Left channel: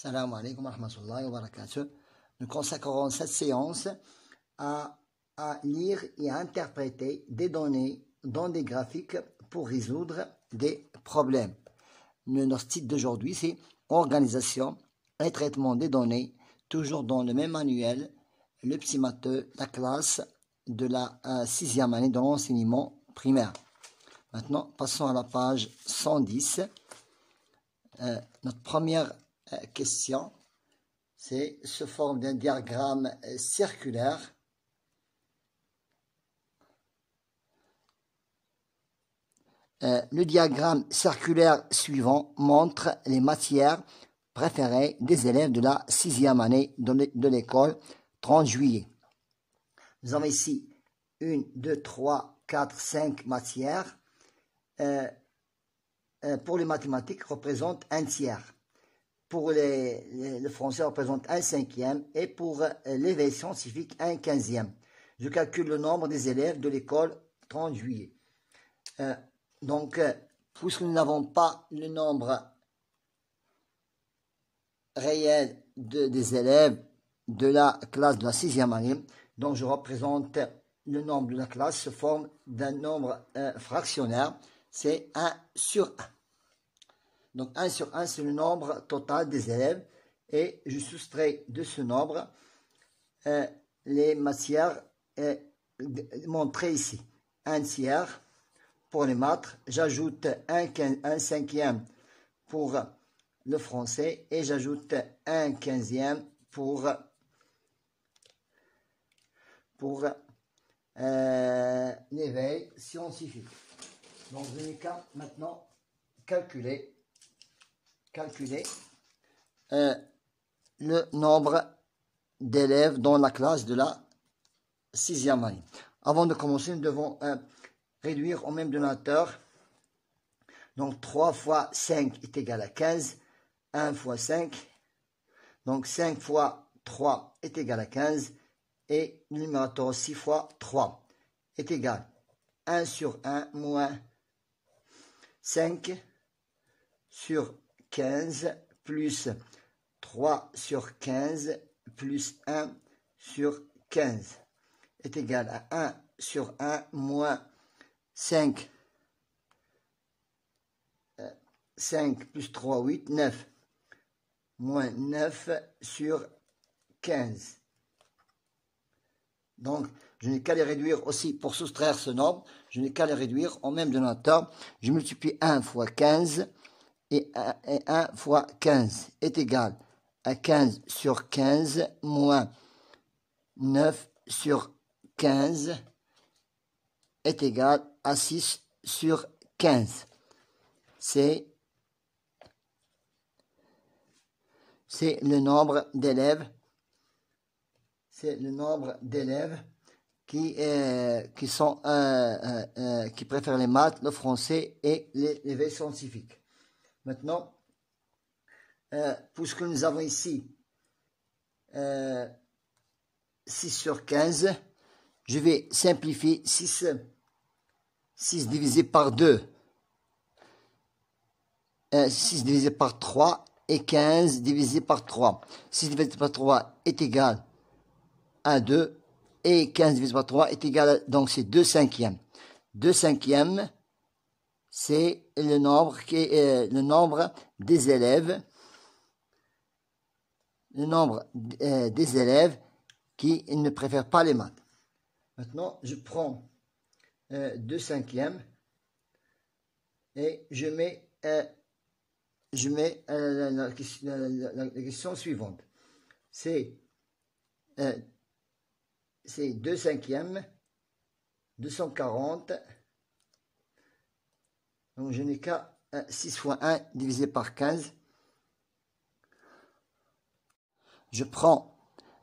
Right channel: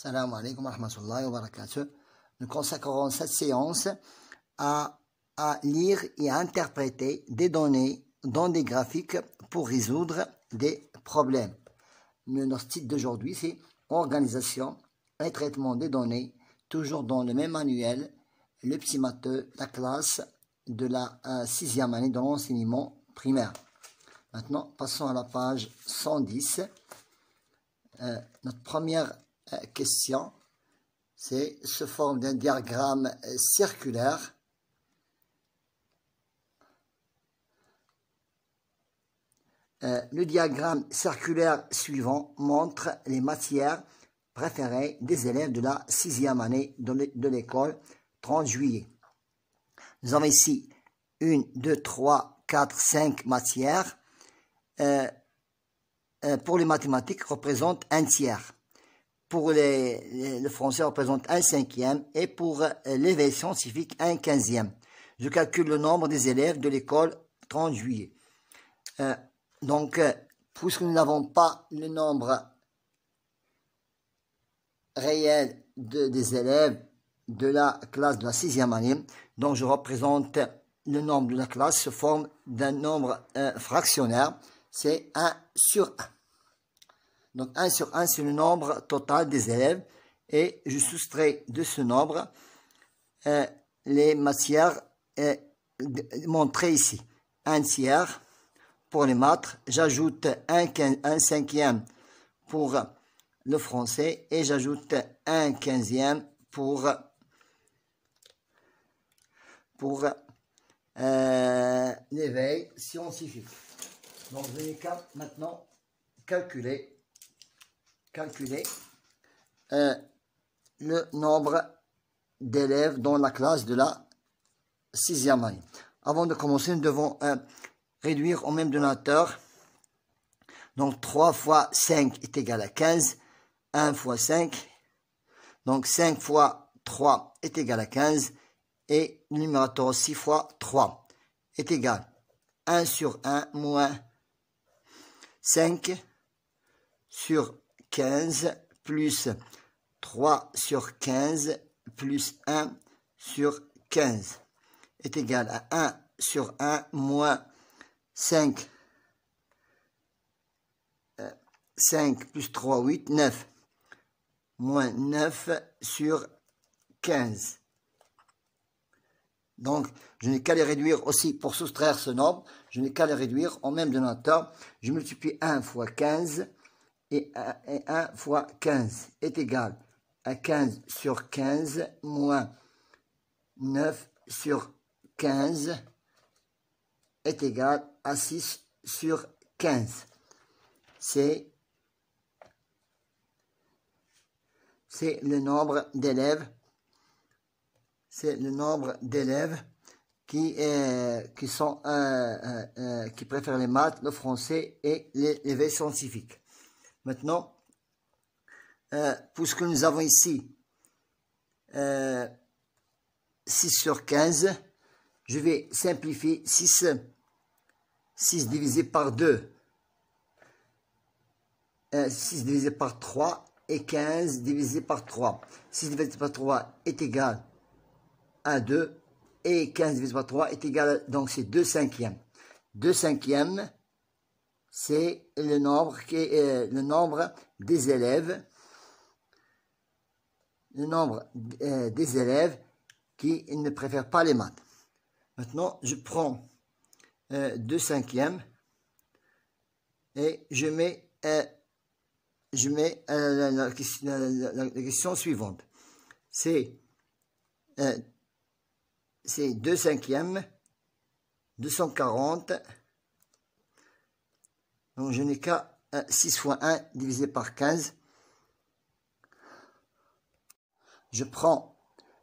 Salam alaikum wa rahmatullahi wa barakatuh. Nous consacrerons cette séance à lire et à interpréter des données dans des graphiques pour résoudre des problèmes. Notre titre d'aujourd'hui, c'est Organisation et traitement des données, toujours dans le même manuel, le petit matheux, la classe de la 6e année de l'enseignement primaire. Maintenant, passons à la page 110. Notre première question, c'est sous forme d'un diagramme circulaire. Le diagramme circulaire suivant montre les matières préférées des élèves de la 6e année de l'école 30 juillet. Nous avons ici 1, 2, 3, 4, 5 matières. Pour les mathématiques, représente un tiers. Pour le français, représente un cinquième. Et pour l'éveil scientifique, un 15e. Je calcule le nombre des élèves de l'école 30 juillet. Donc, puisque nous n'avons pas le nombre réel des élèves de la classe de la 6e année, donc je représente le nombre de la classe sous forme d'un nombre fractionnaire, c'est 1 sur 1. Donc 1 sur 1, c'est le nombre total des élèves, et je soustrais de ce nombre les matières montrées ici. 1 tiers pour les maths, j'ajoute un cinquième pour le français, et j'ajoute un 15e pour l'éveil scientifique. Donc, je vais maintenant calculer le nombre d'élèves dans la classe de la 6e année. Avant de commencer, nous devons réduire au même dénominateur. Donc, 3 fois 5 est égal à 15. 1 fois 5. Donc, 5 fois 3 est égal à 15. Et le numérateur 6 fois 3 est égal à 1 sur 1 moins 5 sur 15 plus 3 sur 15 plus 1 sur 15 est égal à 1 sur 1 moins 5 plus 3, 8, 9 moins 9 sur 15. Donc, je n'ai qu'à les réduire aussi pour soustraire ce nombre. Je n'ai qu'à les réduire au même dénominateur. Je multiplie 1 fois 15 et 1 fois 15 est égal à 15 sur 15 moins 9 sur 15 est égal à 6 sur 15. C'est le nombre d'élèves. C'est le nombre d'élèves qui préfèrent les maths, le français et l'éveil scientifique. Maintenant, puisque nous avons ici 6 sur 15, je vais simplifier 6 divisé par 2, 6 divisé par 3 et 15 divisé par 3. 6 divisé par 3 est égal à 2 et 15 divisé par 3 est égal à, donc c'est 2 cinquièmes. 2 cinquièmes, c'est le nombre qui est le nombre des élèves, qui ne préfèrent pas les maths. Maintenant, je prends 2 cinquièmes et je mets la question suivante. C'est 2 cinquièmes, 240. Donc, je n'ai qu'à 6 fois 1 divisé par 15. Je prends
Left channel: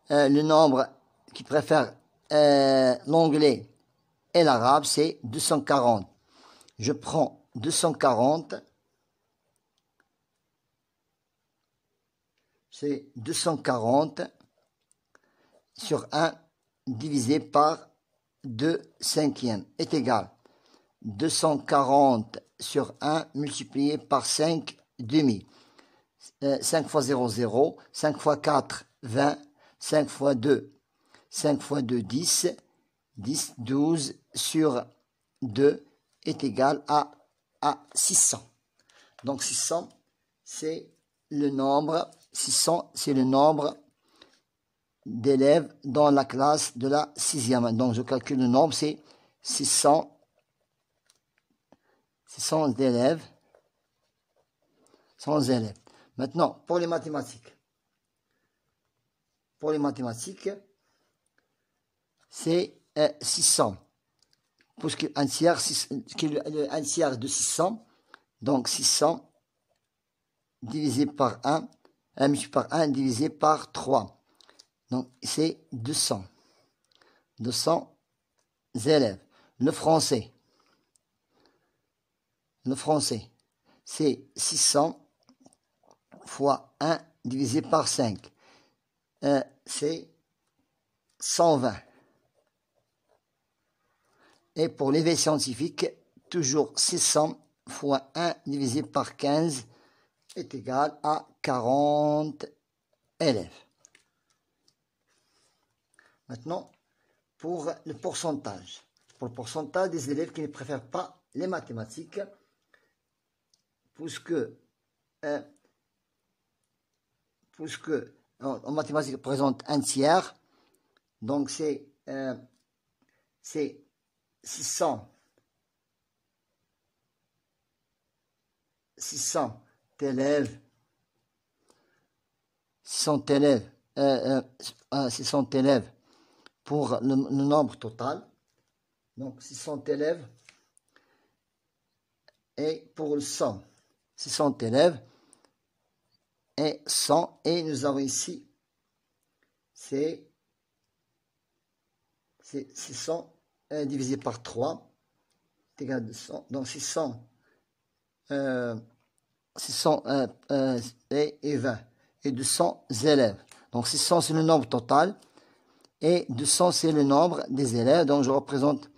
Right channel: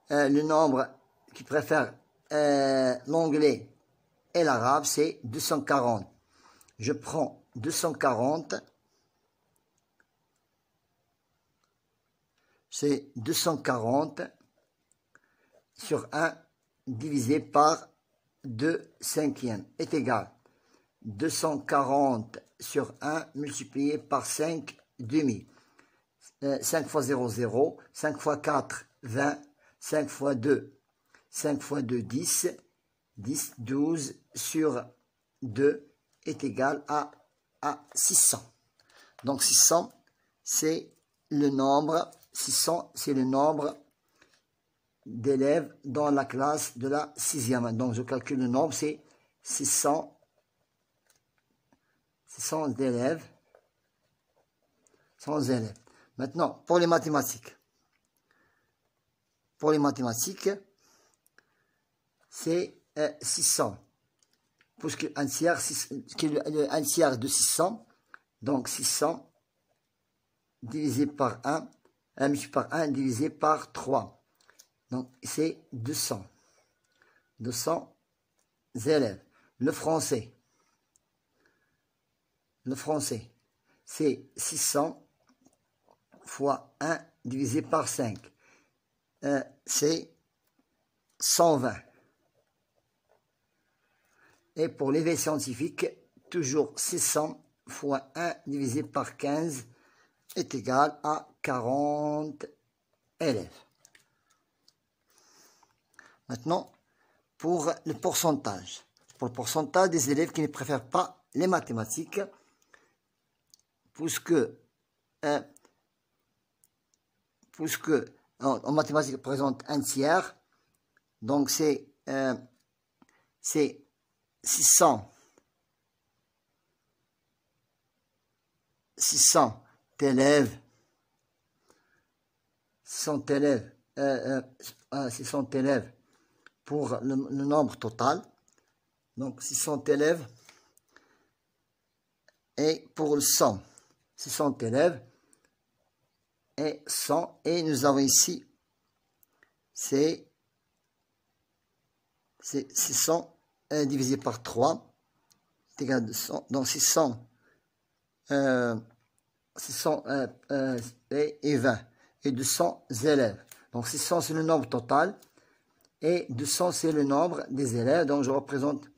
le nombre qui préfère l'anglais et l'arabe, c'est 240. Je prends 240. C'est 240 sur 1 divisé par 2 cinquièmes est égal à 240 sur 1 multiplié par 5 demi. 5 fois 0, 0. 5 fois 4, 20. 5 fois 2, 5 fois 2, 10. 10, 12 sur 2 est égal à 600. Donc 600, c'est le nombre, 600, c'est le nombre d'élèves dans la classe de la 6e. Donc je calcule le nombre, c'est 600 élèves. 100 élèves. Maintenant, pour les mathématiques. Pour les mathématiques, c'est 600. Puisque un tiers, un tiers de 600, donc 600 divisé par 1, 1 multiplié par 1 divisé par 3. Donc c'est 200. 200 élèves. Le français, c'est 600 fois 1 divisé par 5. C'est 120. Et pour l'éveil scientifique, toujours 600 fois 1 divisé par 15 est égal à 40 élèves. Maintenant, pour le pourcentage. Pour le pourcentage des élèves qui ne préfèrent pas les mathématiques, puisque en mathématiques présente un tiers, donc c'est 600 élèves, 600 élèves pour le nombre total. Donc 600 élèves et pour le 100, 600 élèves et 100, et nous avons ici c'est 600 divisé par 3 est égal à 200, donc 600 et 20 et 200 élèves. Donc 600 c'est le nombre total et 200 c'est le nombre des élèves. Donc je représente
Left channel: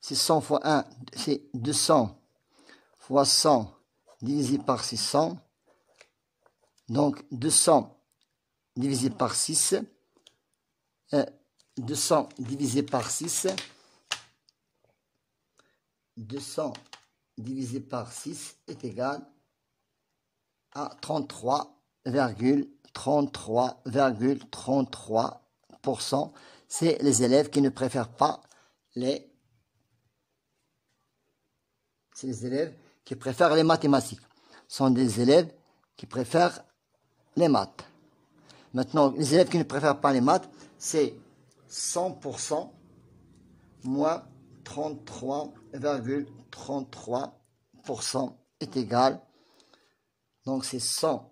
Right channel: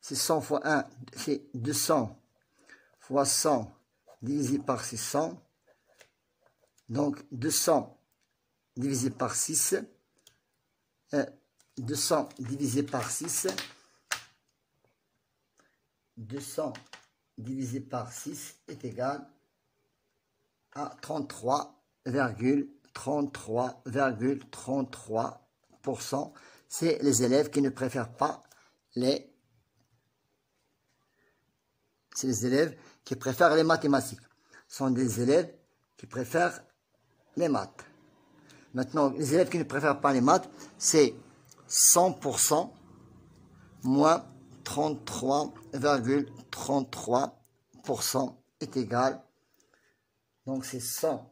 600 fois 1, c'est 200 fois 100 divisé par 600. Donc 200 divisé par 6. 200 divisé par 6. 200 divisé par 6 est égal à 33,33%. C'est les élèves qui ne préfèrent pas les... C'est les élèves qui préfèrent les mathématiques. Ce sont des élèves qui préfèrent les maths. Maintenant, les élèves qui ne préfèrent pas les maths, c'est 100% moins 33,33% est égal. Donc c'est 100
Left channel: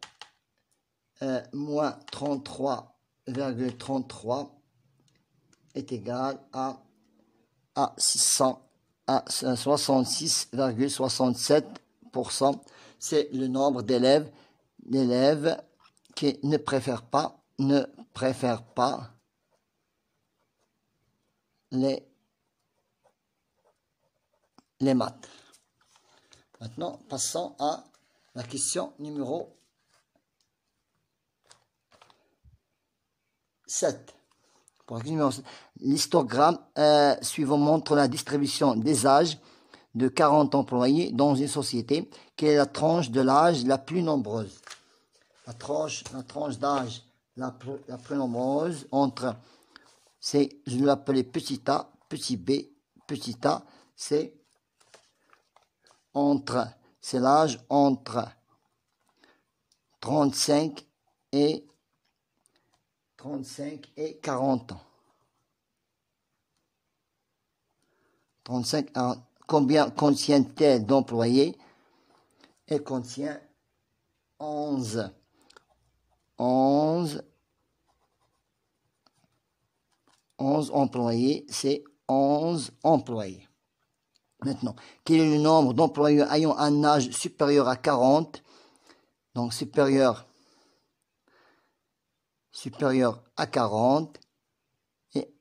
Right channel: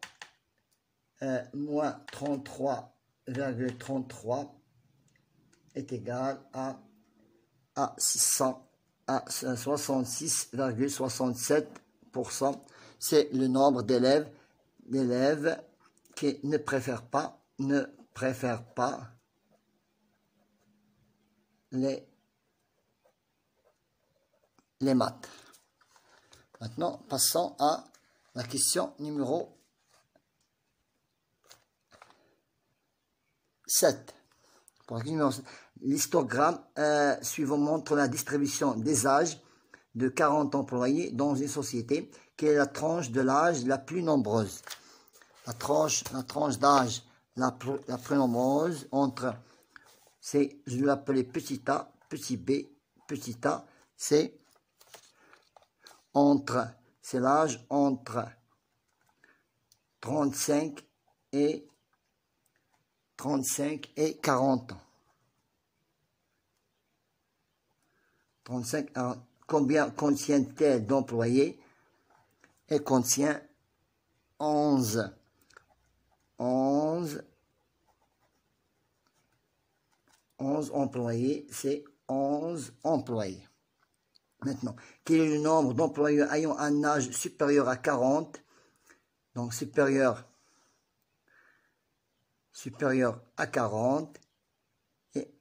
moins 33,33 est égal à 600, à 66,67%. C'est le nombre d'élèves qui ne préfèrent pas les maths. Maintenant, passons à la question numéro 7. L'histogramme suivant montre la distribution des âges de 40 employés dans une société. Quelle est la tranche de l'âge la plus nombreuse? La tranche d'âge la plus nombreuse entre, c'est, je vais l'appeler petit a, petit b, petit a, c'est l'âge entre 35 et 40 ans. 35 ans. Combien contient-elle d'employés? Elle contient 11 employés, c'est 11 employés. Maintenant, quel est le nombre d'employés ayant un âge supérieur à 40? Donc, supérieur à 40 et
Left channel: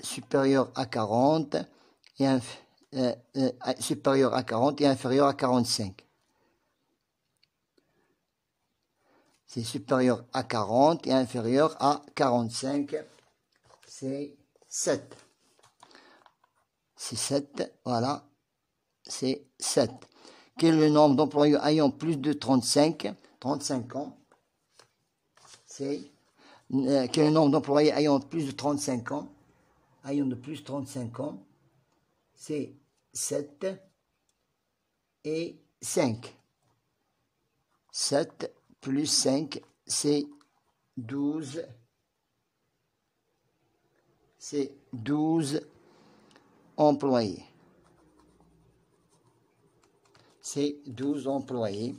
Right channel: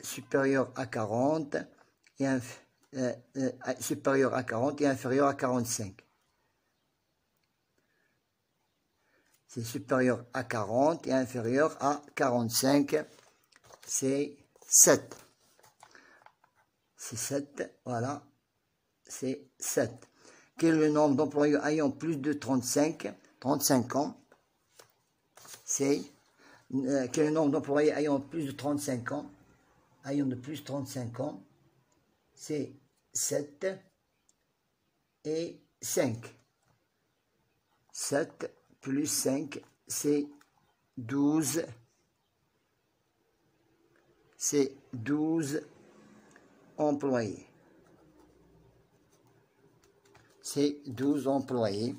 supérieur à 40 et supérieur à 40 et inférieur à 45. c'est supérieur à 40 et inférieur à 45, c'est 7. C'est 7, voilà, c'est 7. Quel est le nombre d'employés ayant plus de 35 ans? C'est quel est le nombre d'employés ayant plus de 35 ans? Ayant de plus de 35 ans, c'est 7 et 5. 7 plus 5, c'est 12. C'est 12 employés. C'est 12 employés.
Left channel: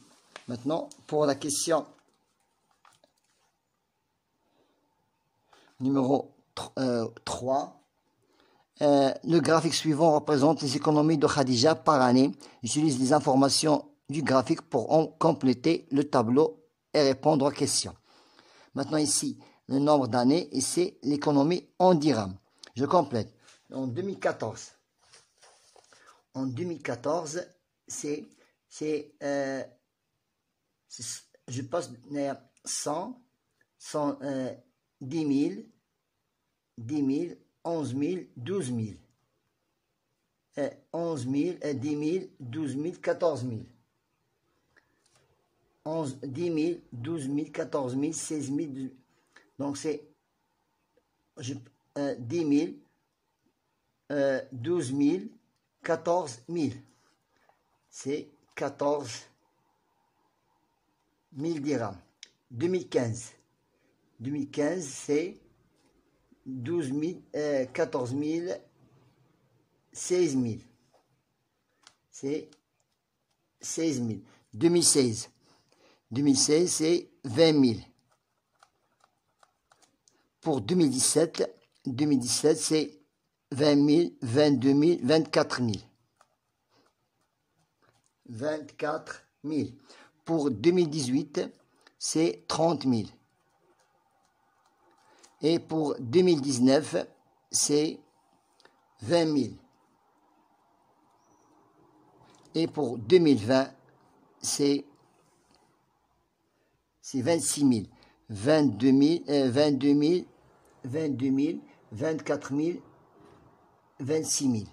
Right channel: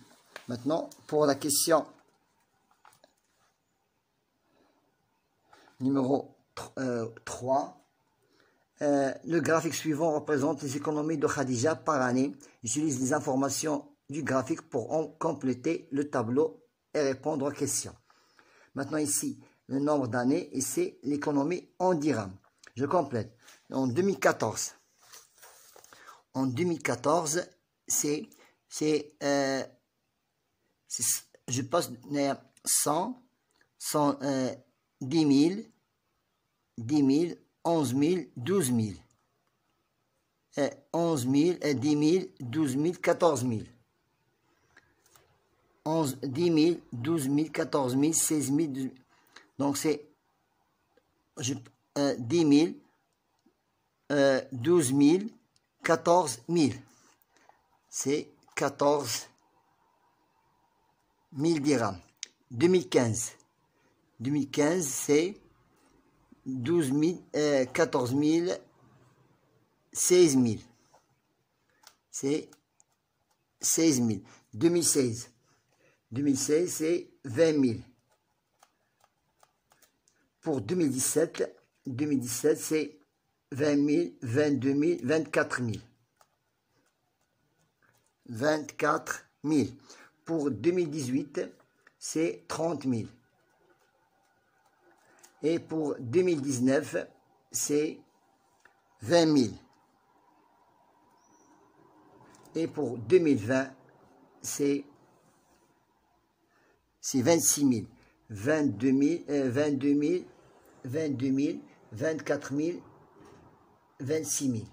Maintenant, pour la question numéro 3, le graphique suivant représente les économies de Khadija par année. Utilise les informations du graphique pour en compléter le tableau et répondre aux questions. Maintenant ici, le nombre d'années et c'est l'économie en dirhams. Je complète. En 2014, je passe 100, 10 000, 11 000, 12 000. 11 000, 10 000, 12 000, 14 000. 10 000, 12 000, 14 000, 16 000, 12 000. Donc c'est 10 000, 12 000, 14 000. C'est 14 000 dirhams. 2015, c'est 12 000, 14 000, 16 000. C'est 16 000. 2016, c'est 20 000. Pour 2017, c'est 20 000, 22 000, 24 000. 24 000. Pour 2018, c'est 30 000. Et pour 2019, c'est 20 000. Et pour 2020, c'est 26 000. 22 000, 24 000, 26 000.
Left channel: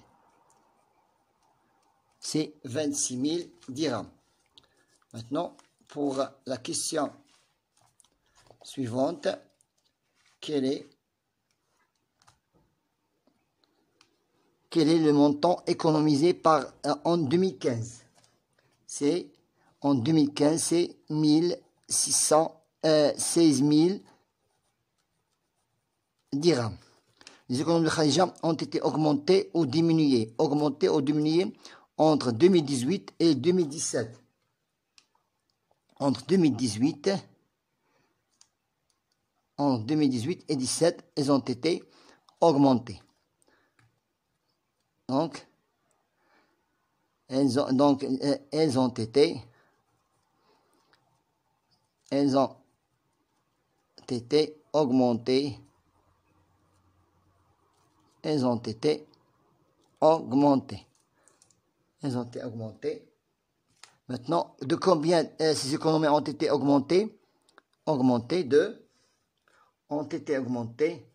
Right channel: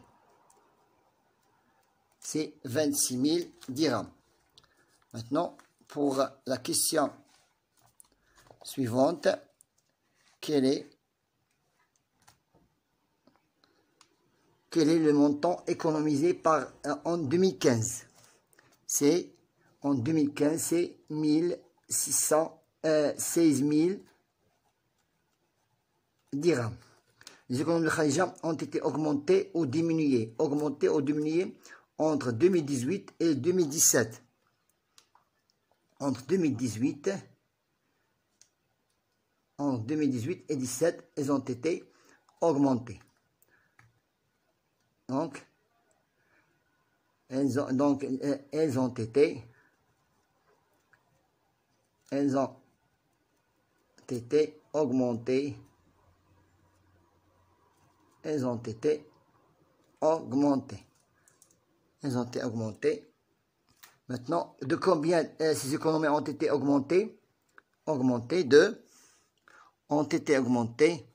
C'est 26 000 dirhams. Maintenant, pour la question suivante, quel est le montant économisé en 2015? En 2015, c'est 16 000 dirhams. Les économies de Khadija ont été augmentées ou diminuées. Entre 2018 et 2017. Entre 2018 et 2017, elles ont été augmentées. Donc, elles ont été augmentées. Elles ont été augmentées. Maintenant, de combien ces économies ont été augmentées? Ont été augmentées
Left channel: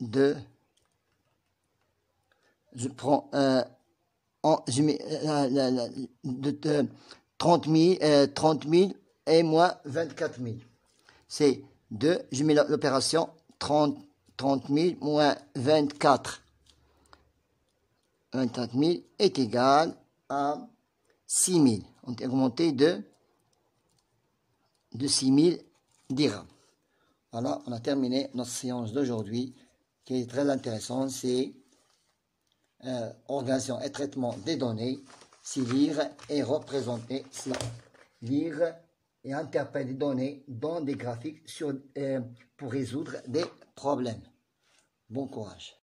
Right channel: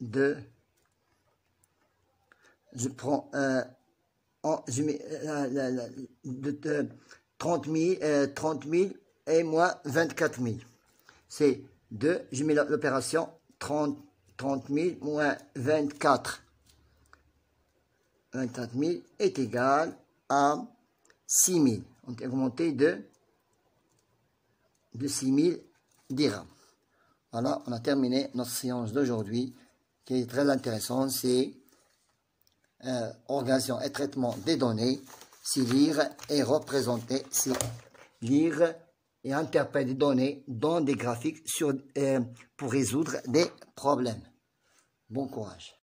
de je prends je mets de 30 000 et moins 24 000. C'est 2, je mets l'opération 30 000 moins 24 000 est égal à 6 000. On est augmenté de 6 000 dirhams. Voilà, on a terminé notre séance d'aujourd'hui qui est très intéressante. C'est organisation et traitement des données. C'est lire et représenter. C'est lire et interpréter des données dans des graphiques pour résoudre des problèmes. Bon courage.